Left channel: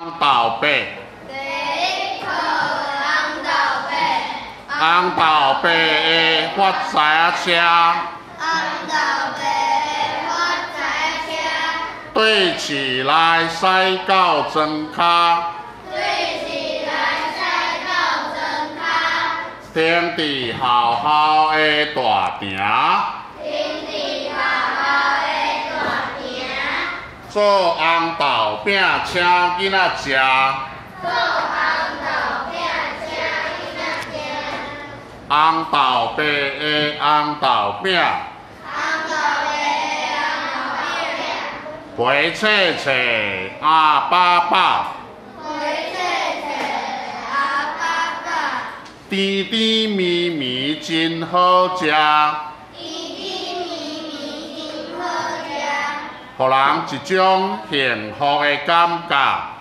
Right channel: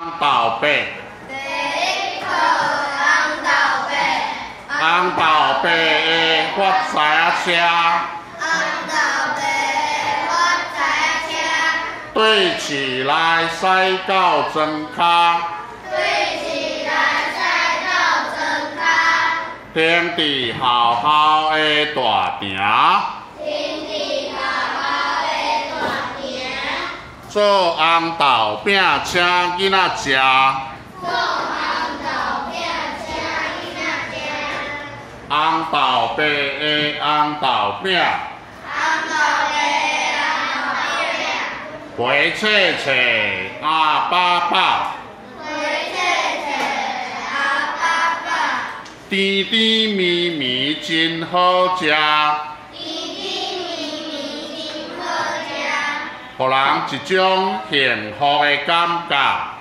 红豆白，第一课红豆白，红豆白的发财车，红豆白的发财车，对起来驶到庄脚，对起来驶到庄脚，天地浩浩的大城，天地浩浩的大城，做红豆饼请囡仔食。做红豆饼请囡仔食，红豆白的红豆饼，红豆白的红豆饼，肥脆脆鸭饱饱，肥脆脆鸭饱饱，甜甜蜜蜜真好食，甜甜蜜蜜真好食，予人一种幸福的感觉。